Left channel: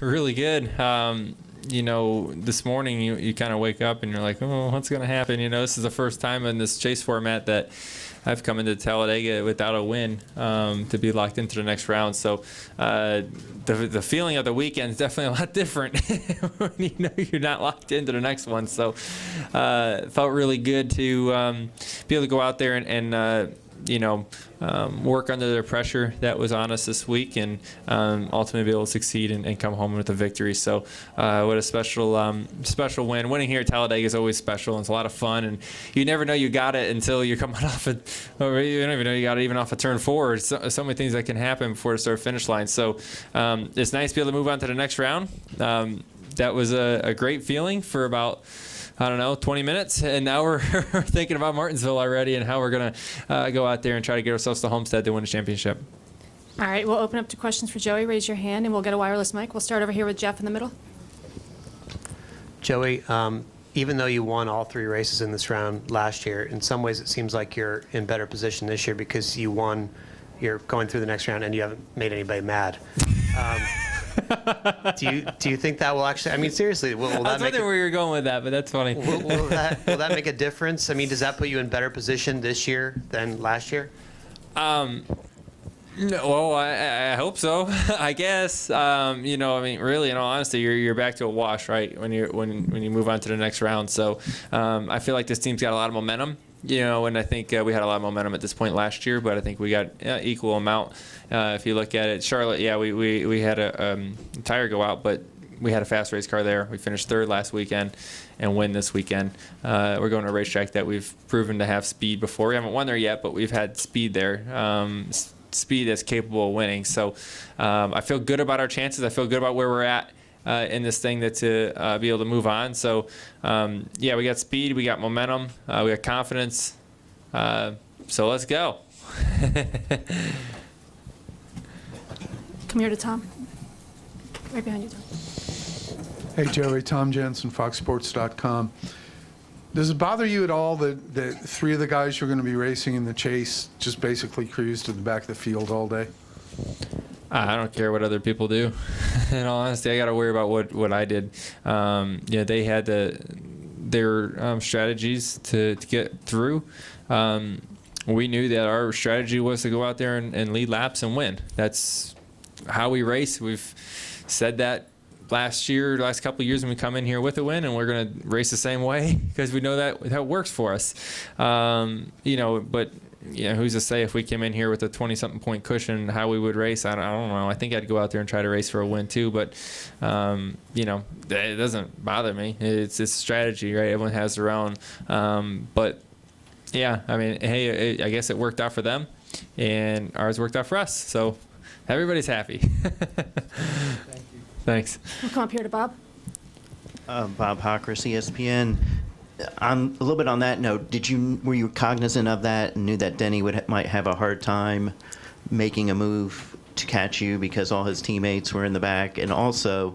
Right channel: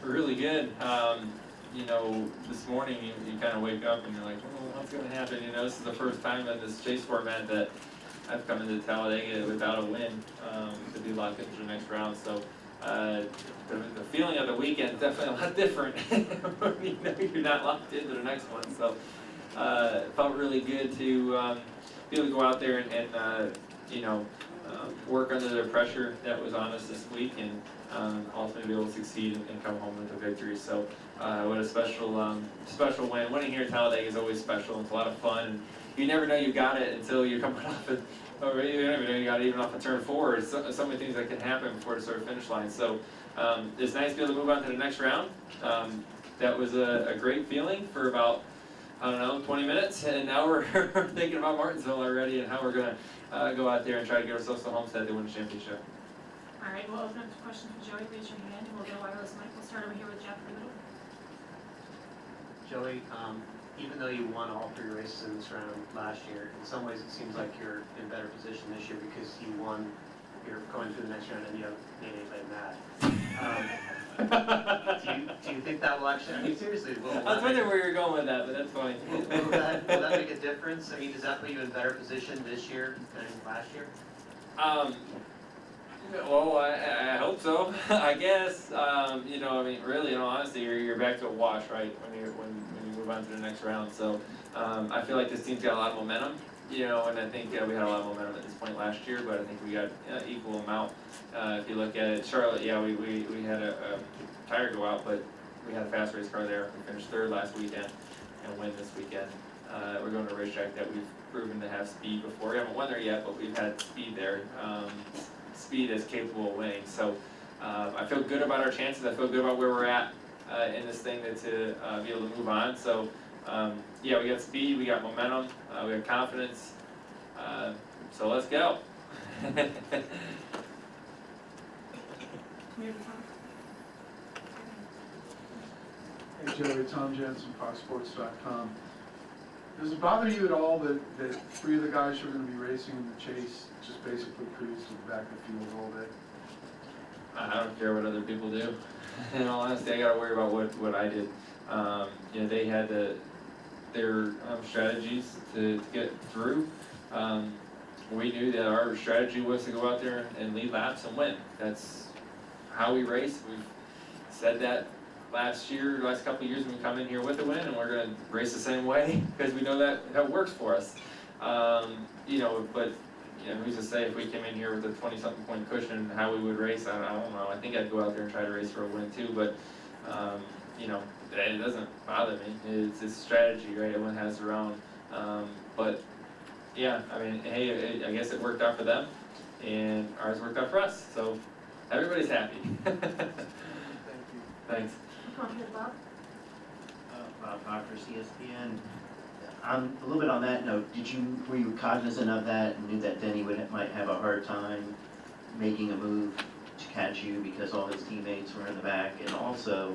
really good. This morning you kind of wake up and you're like, oh, what's going to happen? This is the first time in this chase format that I've come into Talladega without a win to be locked into the next round. So the feeling of the weekend is definitely a lot different when you're not locked into the next one. So it felt really good to be able to go out there and work under the pressure that was on us this week, and ultimately be able to succeed and come home with a victory. So what a special win. Winning here at Talladega is always special. It's a lot of fun, and you never know you got it until you're coming off it, or you don't even know you got it even off a turn 4. So many things that can happen before the start finish line. So it's nice to be able to move on to the next round. That was a great feeling for about 20 minutes, and now we're thinking about Martinsville already and how we're going to go out there and try to get ourselves to Homestead to win the championship. All right, we'll open up to questions for Joey. Raise your hand, and we'll get a wireless mic. We'll start over here with Jeff in the middle. Joey, even though you won all 3 races in this round last year, in some ways it seems like you're in better position this year because you're going through the next round and you haven't made anybody mad. Do you think that will actually? I mean, seriously, will that? I was wondering where you're going with that, but that's funny. Will that make a difference? I mean, does that put you in better position this year than last year? No, well, I hope so. I guess. Really, in all honesty, you're back to a wash, right? When you move on to the next round. So, I feel like this team's got a lot of momentum. And I think we had a lot of momentum at this point last year, but I think we got equal amount. If you look at it, Charlotte, we had a tire go out, but we had a fast race car there. We finished 3rd last weekend and win this weekend. We're going to a racetrack that we've proven to have speed before. We haven't won there yet, but we've had speed there. Speed is capable of winning. So I feel good about our chances. I feel good about where we're at in this thing to be able to move on. So, we got speed, we got momentum, we got confidence. So let's go. Come here to Tom. Right behind you, Tom. Hey, Joey. Tom Jensen, FoxSports.com. Does it bother you at all that 3 of the guys who are going to be racing in the chase just basically cruise to the back of the field all day? I don't care what other people do. In all honesty, I got to worry about what I did. They had their strategies to get through. We knew that our strategy was to go out there and lead laps and win. That's how we race. We've said that last couple of years when we come in here with a win, and we're going to race the same way because we know that works for us. But who's to say if we came in here with a 20-something point cushion, how we would race? I don't know. I think I'd go out there and try to race for a win too, but it doesn't bother me. It's a strategy, right? Everyone has their own. But yeah, I mean, hey, I guess it worked out for them, and ours worked out for us. So everybody's happy. Thanks. We'll come up here to Bob. Bob Hockris, ESPN. A little bit on that note, were you cognizant of that and knew that Denny might have a hard time making a move to catch you because all his teammates were in the back? And also,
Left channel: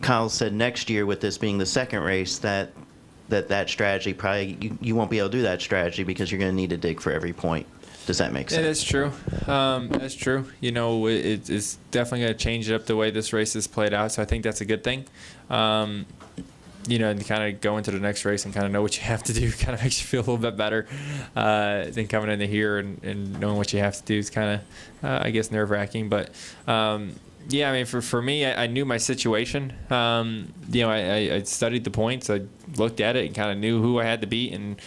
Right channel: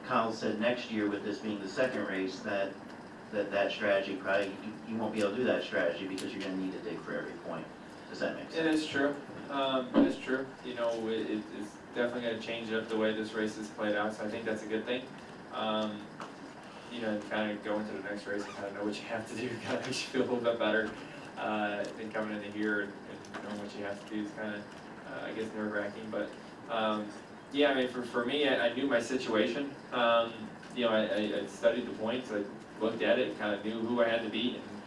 Kyle said next year, with this being the 2nd race, that strategy probably you won't be able to do that strategy because you're going to need to dig for every point. Does that make sense? Yeah, that's true. That's true. It's definitely going to change it up the way this race is played out. So I think that's a good thing. And kind of go into the next race and kind of know what you have to do kind of makes you feel a little bit better than coming into here and knowing what you have to do is kind of, I guess, nerve-wracking. But, I mean, for me, I knew my situation. I studied the points. I looked at it and kind of knew who I had to beat and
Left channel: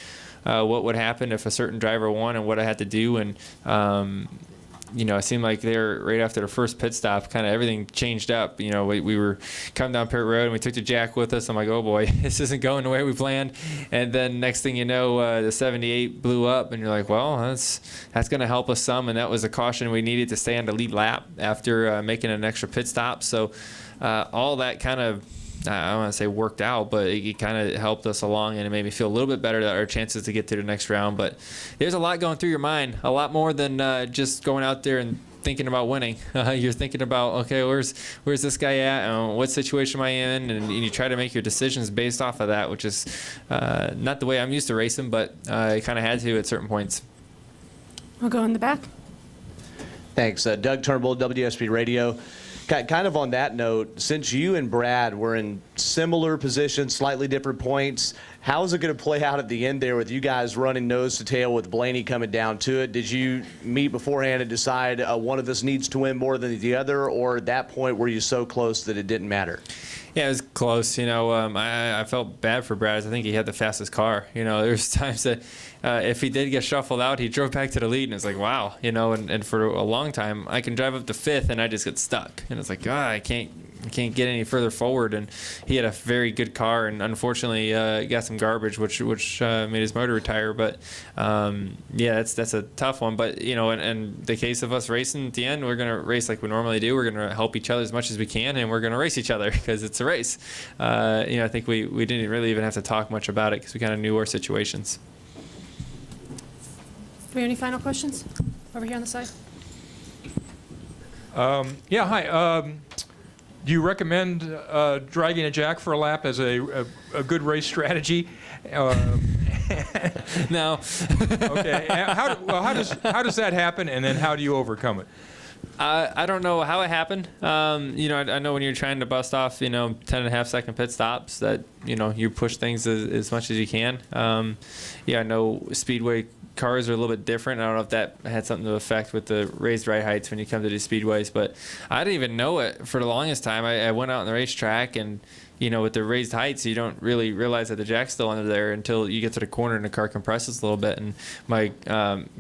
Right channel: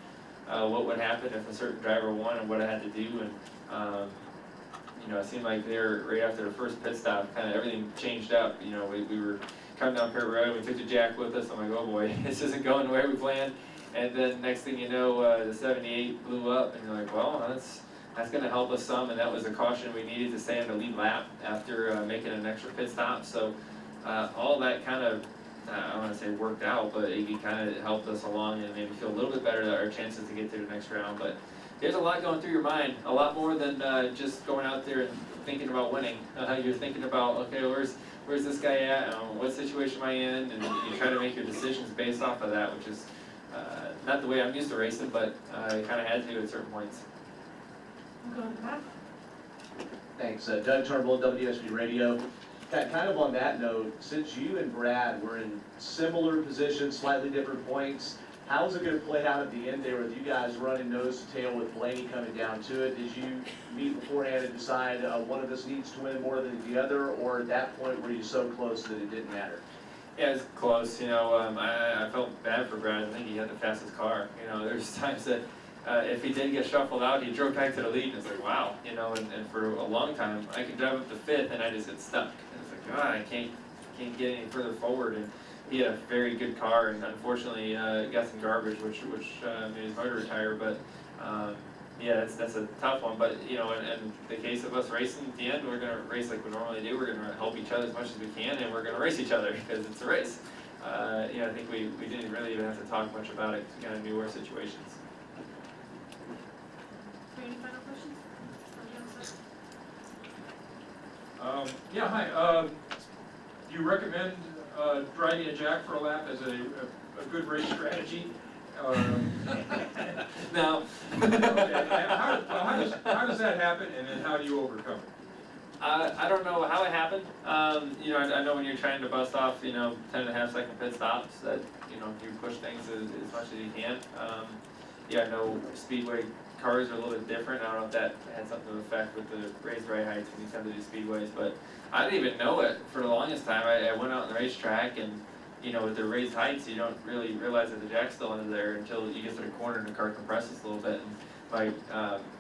what would happen if a certain driver won and what I had to do. And, it seemed like there right after the first pit stop, kind of everything changed up. We were coming down Pit Road and we took the Jack with us. I'm like, oh boy, this isn't going the way we planned. And then next thing you know, the 78 blew up, and you're like, well, that's going to help us some. And that was a caution we needed to stay on the lead lap after making an extra pit stop. So all that kind of, I don't want to say worked out, but it kind of helped us along, and it made me feel a little bit better that our chances to get to the next round. But there's a lot going through your mind, a lot more than just going out there and thinking about winning. You're thinking about, okay, where's this guy at? What situation am I in? And you try to make your decisions based off of that, which is not the way I'm used to racing, but I kind of had to at certain points. We'll go in the back. Thanks. Doug Turnbull, WSB Radio. Kind of on that note, since you and Brad were in similar positions, slightly different points, how's it going to play out at the end there with you guys running nose to tail with Blaney coming down to it? Did you meet beforehand and decide one of us needs to win more than the other, or at that point were you so close that it didn't matter? Yeah, it was close. I felt bad for Brad. I think he had the fastest car. There's times that if he did get shuffled out, he drove back to the lead, and it's like, wow. And for a long time, I can drive up to fifth, and I just get stuck. And it's like, I can't get any further forward. And he had a very good car, and unfortunately got some garbage, which made his motor retire. But yeah, that's a tough one. But in the case of us racing at the end, we're gonna race like we normally do. We're gonna help each other as much as we can, and we're gonna race each other because it's a race. I think we didn't really even have to talk much about it because we kind of knew our situations. Do we have any final questions? Over here on the side. Yeah, hi. Do you recommend dragging a jack for a lap as a good race strategy? No. Okay. How does that happen, and then how do you overcome it? I don't know how it happened. I know when you're trying to bust off, 10.5-second pit stops that, you push things as much as you can. I know speedway cars are a little bit different. I don't know if that had something to affect with the raised right heights when you come to these speedways, but I didn't even know it for the longest time. I went out on the racetrack, and with the raised heights, you don't really realize that the jack's still under there until you get to the corner and the car compresses a little bit. And my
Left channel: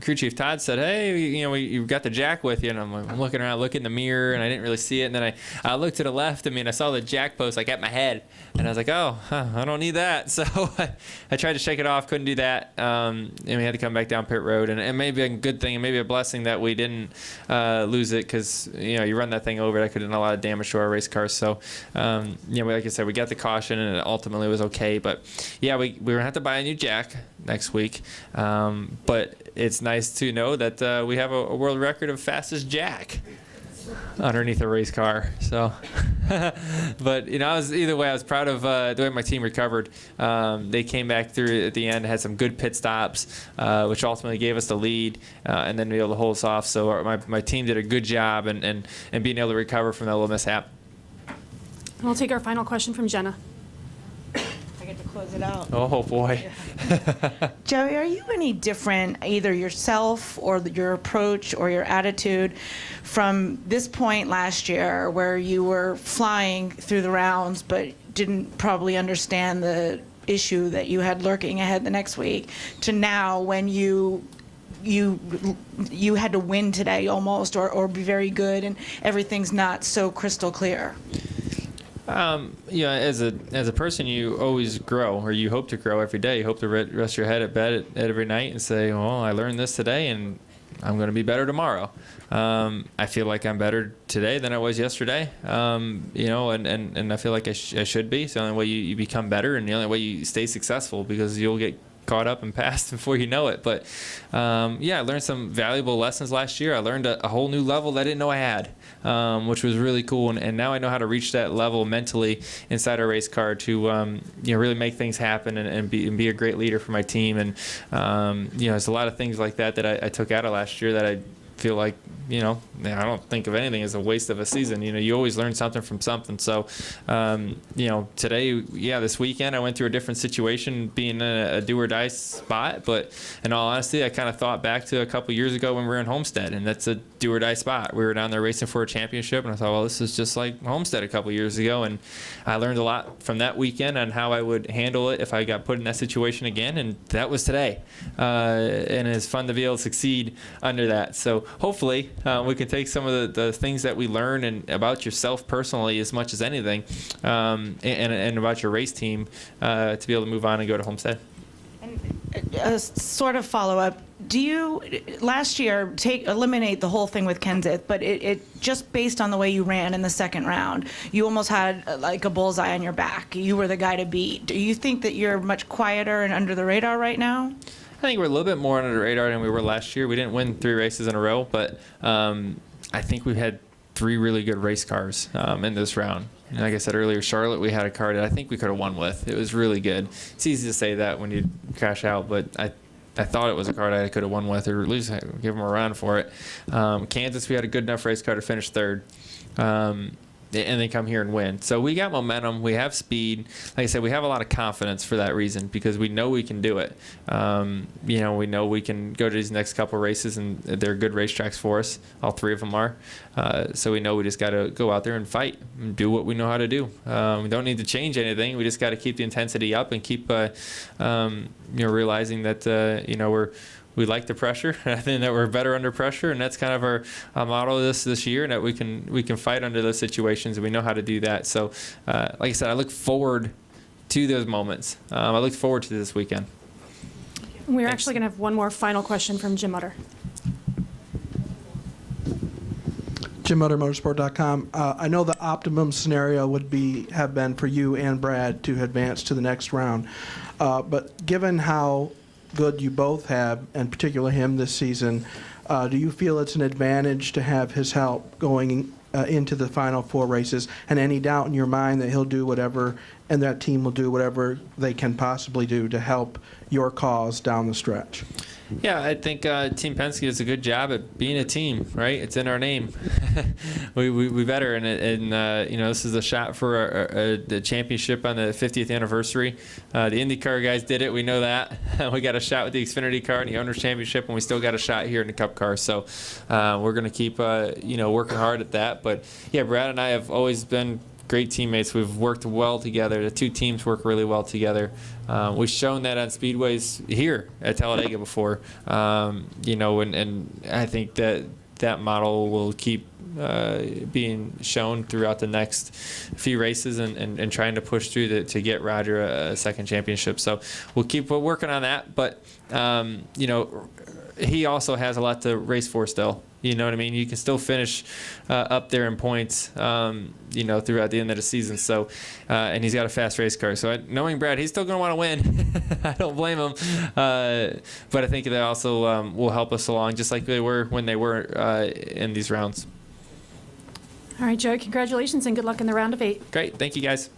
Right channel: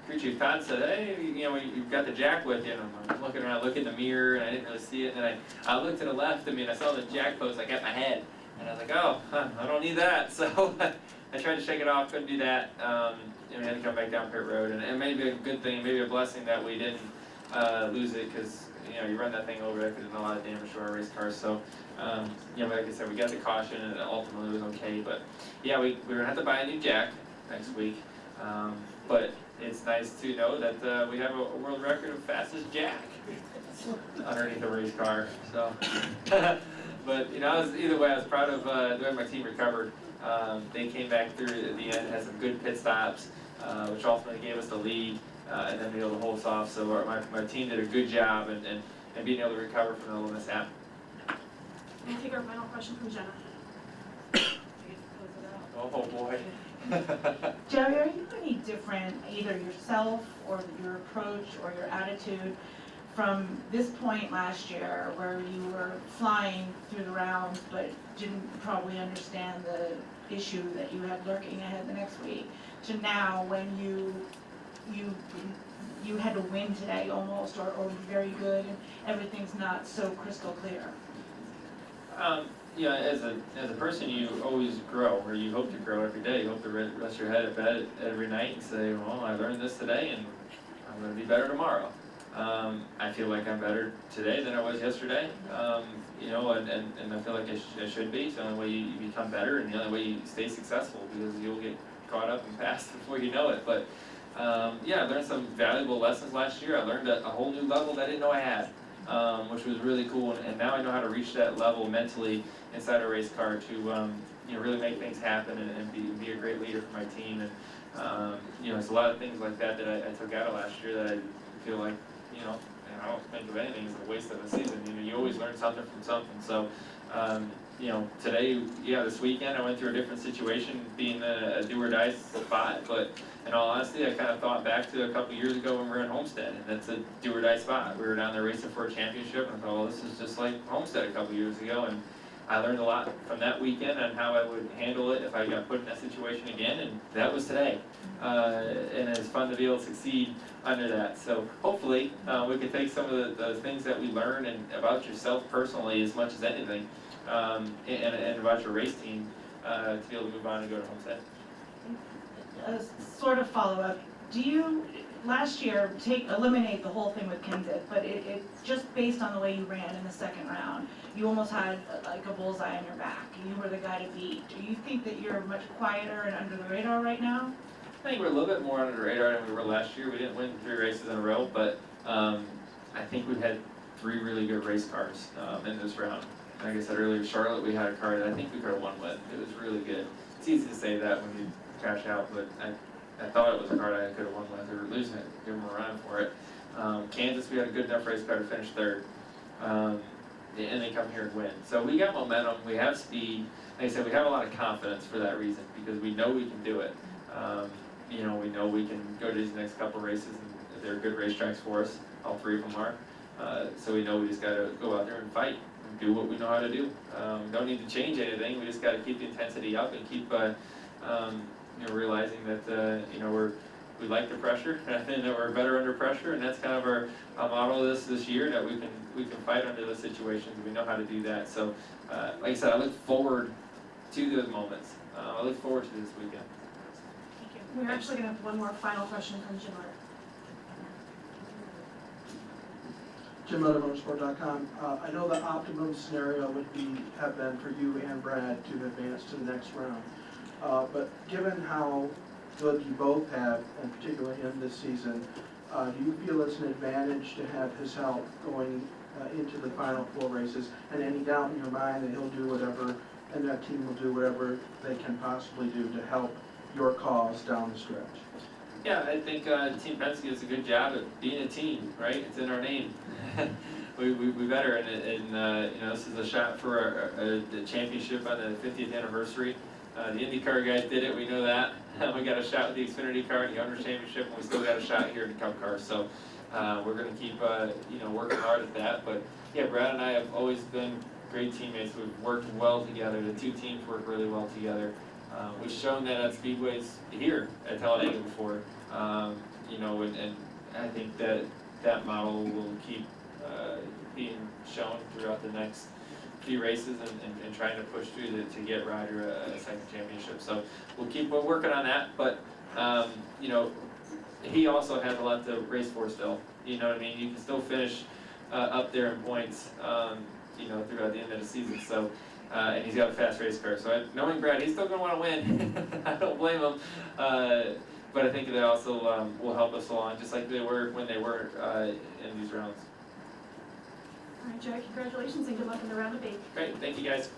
crew chief Todd said, "Hey, you've got the jack with you." And I'm looking around, looking in the mirror, and I didn't really see it. And then I looked to the left. I saw the jack post like at my head. And I was like, I don't need that. So I tried to shake it off, couldn't do that. And we had to come back down pit road. And maybe a good thing and maybe a blessing that we didn't lose it because, you run that thing over, that could have done a lot of damage to our race cars. So, like I said, we got the caution and it ultimately was okay. But, yeah, we're going to have to buy a new jack next week. But it's nice to know that we have a world record of fastest jack underneath a race car. So but I was proud of the way my team recovered. They came back through at the end, had some good pit stops, which ultimately gave us the lead, and then we were able to hold us off. So my team did a good job and being able to recover from that little mishap. We'll take our final question from Jenna. I get to close it out. Oh boy. Joey, are you any different, either yourself or your approach or your attitude, from this point last year where you were flying through the rounds but didn't probably understand the issue that you had lurking ahead the next week, to now when you had to win today almost or be very good and everything's not so crystal clear? As a person, you always grow, or you hope to grow every day. You hope to rest your head at bed every night and say, well, I learned this today and I'm going to be better tomorrow. I feel like I'm better today than I was yesterday, and I feel like I should be. It's the only way you become better, and the only way you stay successful, because you'll get caught up and passed before you know it. But I learned some valuable lessons last year. I learned a whole new level that I didn't know I had, which was really cool. And now I know how to reach that level mentally inside a race car to really make things happen and be a great leader for my team. And there's a lot of things like that I took out of last year that I feel like, I don't think of anything as a waste of a season. You always learn something from something. So, today, this weekend, I went through a different situation, being in a do or die spot. But in all honesty, I kind of thought back to a couple years ago when we were in Homestead, and that's a do or die spot. We were down there racing for a championship, and I thought, well, this is just like Homestead a couple years ago. And I learned a lot from that weekend on how I would handle it if I got put in that situation again, and that was today. And it's fun to be able to succeed under that. So hopefully we can take some of the things that we learn and about yourself personally as much as anything, and about your race team, to be able to move on and go to Homestead. And a sort of follow-up, do you, last year, eliminate the whole thing with Kenseth, but it just based on the way you ran in the second round, you almost had like a bullseye on your back. You were the guy to beat. Do you think that you're much quieter and under the radar right now? I think we're a little bit more under the radar than we were last year. We didn't win 3 races in a row, but I think we had 3 really good race cars in this round. And like I said earlier, Charlotte, we had a car that I think we could have won with. It was really good. It's easy to say that when you crash out, but I thought it was a car that I could have won with, or at least give them a run for it. Kansas, we had a good enough race car to finish 3rd. and they come here and win. So we got momentum, we have speed. Like I said, we have a lot of confidence for that reason because we know we can do it. We know we can go to these next couple races, and they're good racetracks for us. All three of them are. So we know we just got to go out there and fight and do what we know how to do. We don't need to change anything. We just got to keep the intensity up and keep, realizing that we like the pressure. I think that we're better under pressure, and that's kind of our model this year. That we can fight under those situations, and we know how to do that. So, like I said, I look forward to those moments. I look forward to this weekend. We're Thanks. actually going to have one more final question from Jim Utter. Jim Utter, Motorsport.com. I know the optimum scenario would have been for you and Brad to advance to the next round, but given how good you both have, and particularly him this season, do you feel it's an advantage to have his help going into the final 4 races, and any doubt in your mind that he'll do whatever, and that team will do whatever they can possibly do to help your cause down the stretch? Yeah, I think Team Penske does a good job at being a team, right? It's in our name. we better, and this is a shot for the championship on the 50th anniversary. The IndyCar guys did it. We know that. We got a shot with the Xfinity car and the Owners' Championship, and we still got a shot here in the Cup car. So we're going to keep, working hard at that. But yeah, Brad and I have always been great teammates. We've worked well together. The two teams work really well together. We've shown that on speedways here at Talladega before, and I think that model will keep being shown throughout the next few races and trying to push through to get Roger a second championship. So we'll keep working on that, but he also has a lot to race for still. You know what I mean? You can still finish up there in points, throughout the end of the season. So, and he's got a fast race car. So knowing Brad, he's still going to want to win. I don't blame him. But I think they also will help us along, just like they were when they were in these rounds. All right, Joey, congratulations and good luck in the round of 8. Great. Thank you, guys.